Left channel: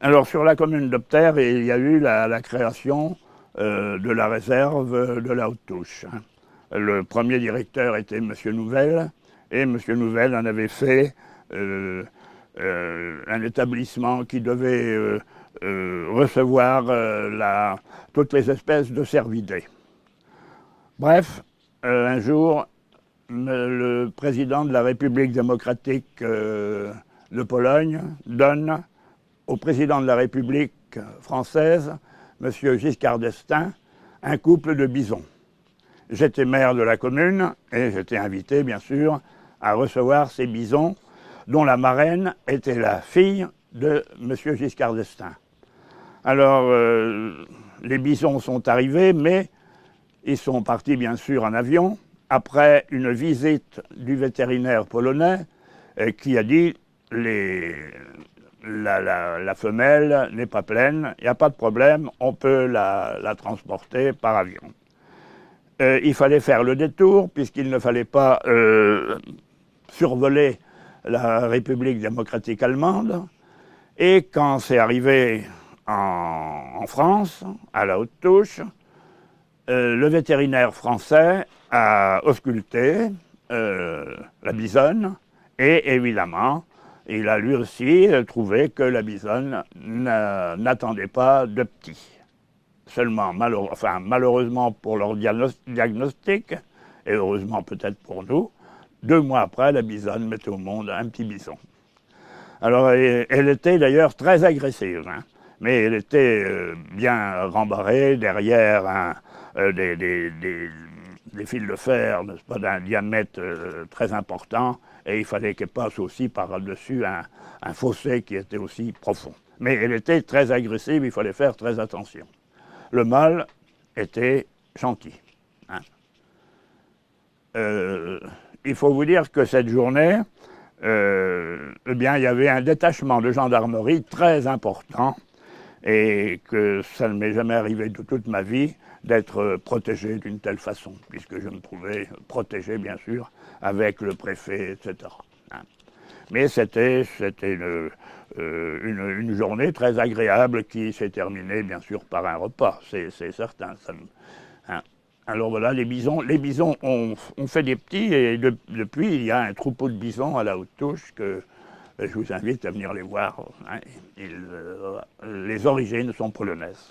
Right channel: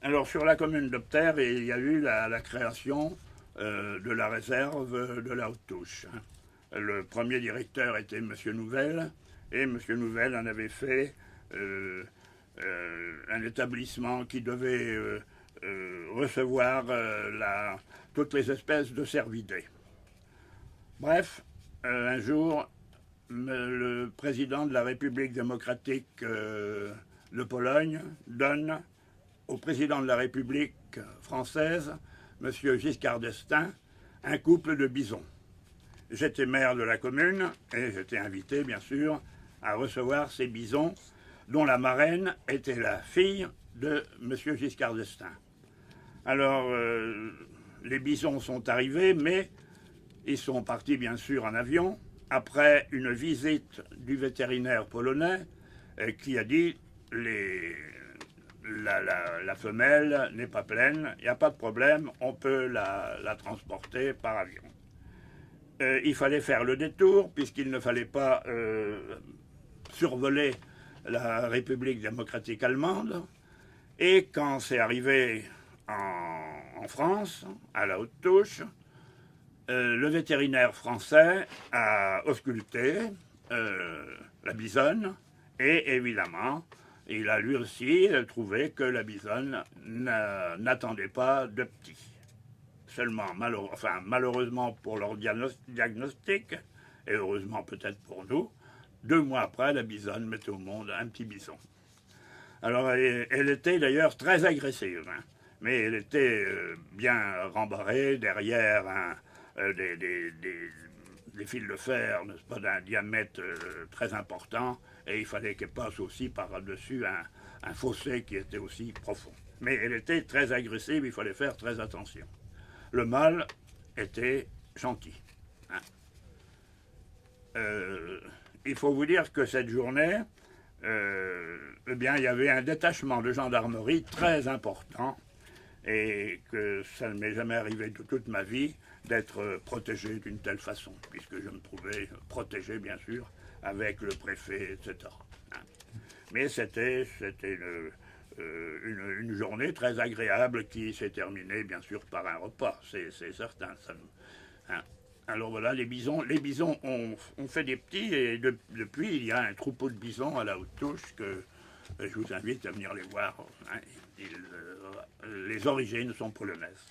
Alors sur la commune d'Opter, il y a eu la création de la réserve de la Haute-Touche. Le premier directeur était M. Nouvel, et M. Nouvel en avait fait un établissement qui devait recevoir toutes les espèces de cervidés. Bref, un jour, le président de la République démocratique de Pologne donne au président de la République française, M. Giscard d'Estaing, un couple de bisons. J'étais maire de la commune et j'étais invité, bien sûr, à recevoir ces bisons, dont la marraine était la fille de M. Giscard d'Estaing. Alors, les bisons sont arrivés, mais ils sont partis, bien sûr, en avion, après une visite du vétérinaire polonais qui a dit la femelle n'est pas pleine, il n'y a pas de problème, on peut la transporter par avion. Il fallait faire le détour, puisqu'il ne fallait pas survoler la République démocratique allemande. Et quand c'est arrivé en France, à la Haute-Touche, le vétérinaire français a ausculté la bisonne, et évidemment, il a lui aussi trouvé que la bisonne n'attendait pas de petits. Seulement, malheureusement pour leur diagnostic, et heureusement peut-être pour nous, 2 mois après, la bisonne mettait au monde un petit bison. Alors, elle était d'ailleurs très agressive, hein, mais elle était bien rembarrée derrière des fils de fer, n'est-ce pas, d'un diamètre très important, et il fallait qu'elle passe aussi par-dessus un fossé qui était aussi profond. Mais elle était très agressive, il fallait faire très attention. Le mâle était gentil. Hein. Il faut vous dire que cette journée, eh bien, il y avait un détachement de gendarmerie très important et que ça ne m'est jamais arrivé de toute ma vie d'être protégé d'une telle façon, puisque je me trouvais protégé, bien sûr, avec le préfet, etc. Hein. Mais c'était une journée très agréable qui s'est terminée, bien sûr, par un repas, c'est certain. Hein. Alors voilà, les bisons ont fait des petits, et depuis, il y a un troupeau de bisons à la Haute-Touche que je vous invite à venir les voir. Hein. Les origines sont polonaises.